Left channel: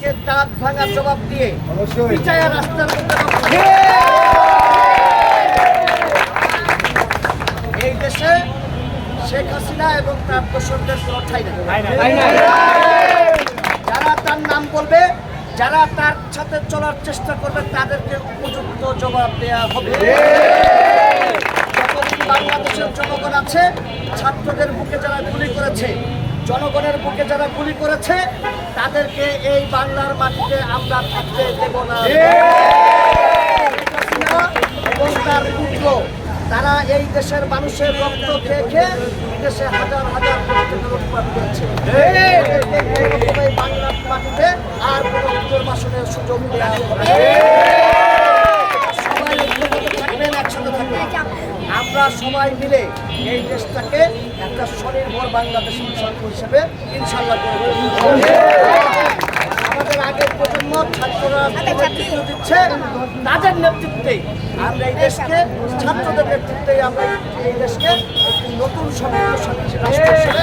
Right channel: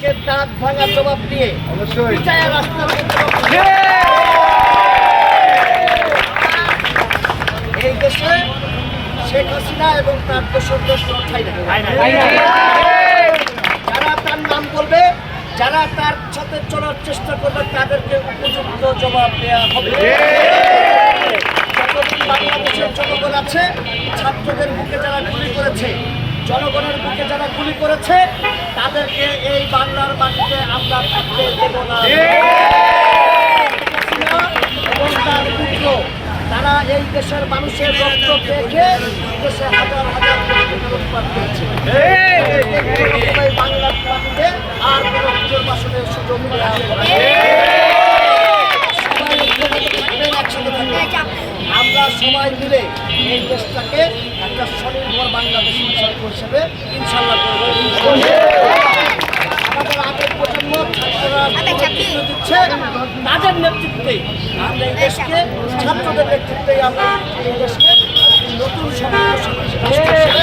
কে দাঁত ভাঙার জবাব দিয়ে অবশ্যই। রাস্তার এই দেশে শেখ হাসিনা এবং তার ঠাঁই যারা তার নাম বলবে যারা তার সাথে চলার চেষ্টা করবে তাদেরকে উপযুক্ত জবাব দেওয়া হবে। যতদিন বাংলাদেশের জনগণ আছে ছাত্রদের বুকে যারা গুলি করেছে জনগণের বুকে যারা গুলি করেছে তাদেরকে এই বাংলার মাটিতে আমরা থাকতে দেব না। এবং তার পুত্র তারা এই দেশের মানুষের রক্ত খেয়ে খেয়ে দেশে হাজার হাজার টাকা করেছে। এই বাংলার মাটিতে আর কোনো পুজোর বাসনের সুযোগ দেওয়া হবে আমরা সবাই মিলে এই দেশটাকে একটা স্বনির্ভর বাংলাদেশ হিসেবে ইনশাল্লাহ করে গড়ে তুলব। আমাদের আগের ছাত্ররা দিচ্ছে তাদের নেতৃত্বেই আমরা এই দেশকে ছাত্রদের নেতৃত্বেই আমরা এই দেশকে নতুন সমৃদ্ধ রাষ্ট্র হিসেবে